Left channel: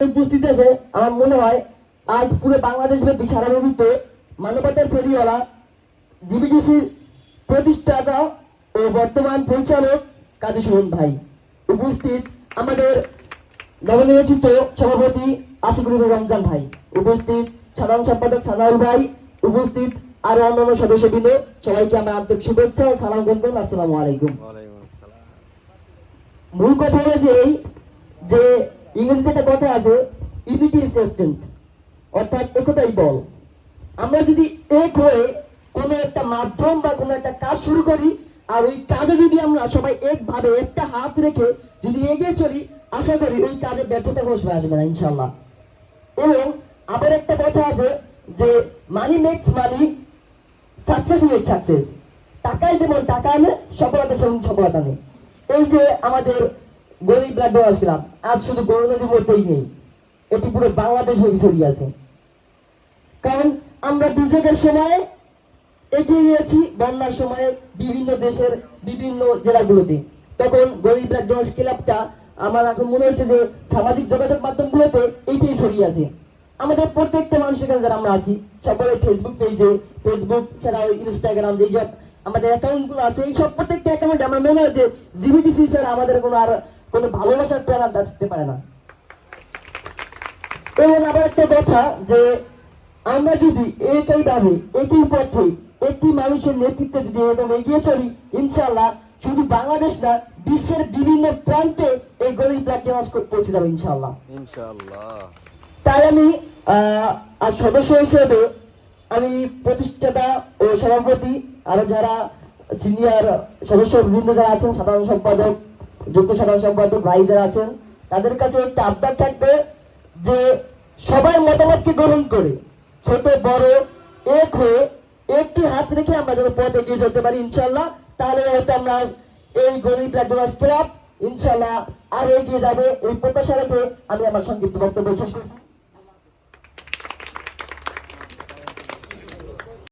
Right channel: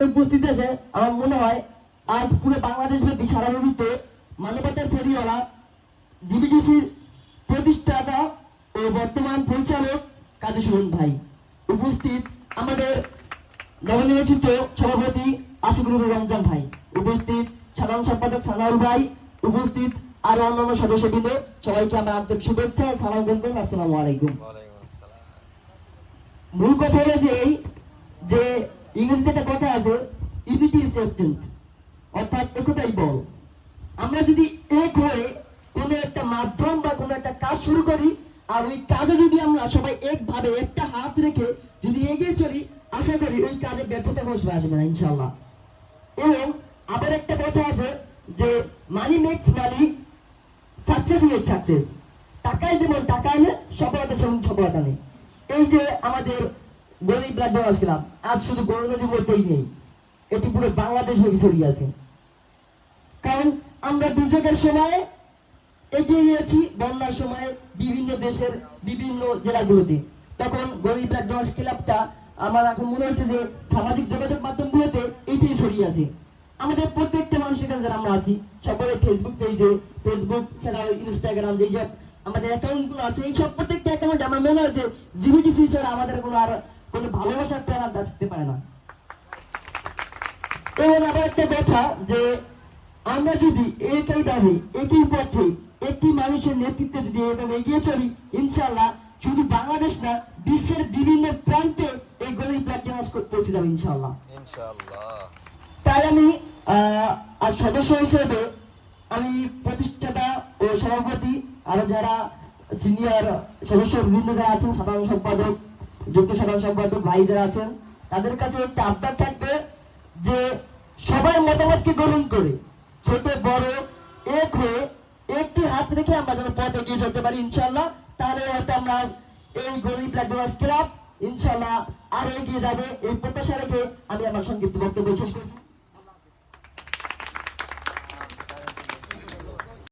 উপস্থিত আছে, আমার মনে হয় আজ পুরো বাংলাদেশ ব্যাপী সারা নদীতে মানবতার ফেরিওয়ালা জিবিডিসির প্রতিষ্ঠাতা ও বর্তমান পরিচালক কাজী সুমন ভাই। উপস্থিত আমাদের নবনির্বাচিত সভাপতি আশিকুর রমজান ভাই। উপস্থিত সাধারণ সম্পাদক সানাউল ভাই। উপস্থিত আরও অন্যান্য সদস্যবৃন্দ, সবাইকে আমার আন্তরিক শুভেচ্ছা সালাম বন্ধন আসসালামু আলাইকুম। মূল কথা হলো ইউনিটি ইজ স্ট্রেংথ অর্থাৎ একতাই বল। আমরা যদি এক হয়ে কোনো একটা মাধ্যম বা কোনো একটা কাজ শুরু করি, আর ওই কাজে যদি আমরা সবাই একভাবে একটা হাত রেখে যদি এগিয়ে চলি, আশা করি ওই কাজে ব্যর্থতা কোনো আসবে না ইনশাল্লাহ এবং আবার একটা কথা আছে যে money makes money success make success টাকায় যেমন টাকা আনে, সফলতা সেমন সফলতা নেই এই যে আমাদের গরিব রাজ্য আসলাম আজ শুধু নদীর মধ্যেই নেই। এটি পুরো বাংলাদেশ হয়ে ছড়িয়ে আছে। কারণ আমরা দুর্যোগের সময় এগিয়ে গিয়েছি বন্যার সময় বিভিন্ন দেশের বিভিন্ন জেলাগুলোতে। তখন গরিব রাজ্য ক্লাবটা, আমার এখন মনে হচ্ছে যে সামাজিক যোগাযোগ মাধ্যমগুলোতে এইটাই ছড়িয়ে আছে। আমাদের প্রত্যেকটা মানুষের কাছে যারা আমরা আছি, সকলে ফেসবুক পেজে ফেসবুক ছাড়া ইনস্টাগ্রাম যে সব আমাদের অ্যাকাউন্টগুলো আছে, এই সব প্রত্যেকটা অ্যাকাউন্টে আমার মনে হয় যে জিবিটিসি স্যার আমাদের কোনো আর কোনো ভালোবাসার প্রেরণা থাকতে পারে না। এবং আবার একটা কথা যে আমরা যদি একই ভাবে একই পথে একটি মানুষের নেতৃত্বে যদি এরকম এগিয়ে চলি ইনশাল্লাহ শুধু বাংলাদেশ না বিশ্বের বিভিন্ন প্রান্তে এই গরিব রাজ্যে পৌঁছে যাবে ইনশাল্লাহ তাই আমি আহ, আজ সদস্য হিসেবে আমি প্রতিষ্ঠাতা ও সভাপতি আরও যারা সিনিয়র সদস্য বিভিন্ন যারা আছেন সাধারণ সম্পাদক যুক্ত সাধারণ সম্পাদক ভাই যারা আছেন তাদের কাছে একটা আবদার থাকবে যে সবাই মতামতকে গ্রহণ করে? ছোট, বড়, এক হয়ে একটি হাত রেখে আমরা যেন পথ এগিয়ে যেতে পারি ইনশাল্লাহ তাহলে হয়তো আমরা এই গরিব রাজ্য ক্লাব ইনশাল্লাহ আর এগিয়ে যাবে। এই প্রত্যাশা রেখে আমি আমার সংক্ষিপ্ত বক্তব্য শেষ করছি।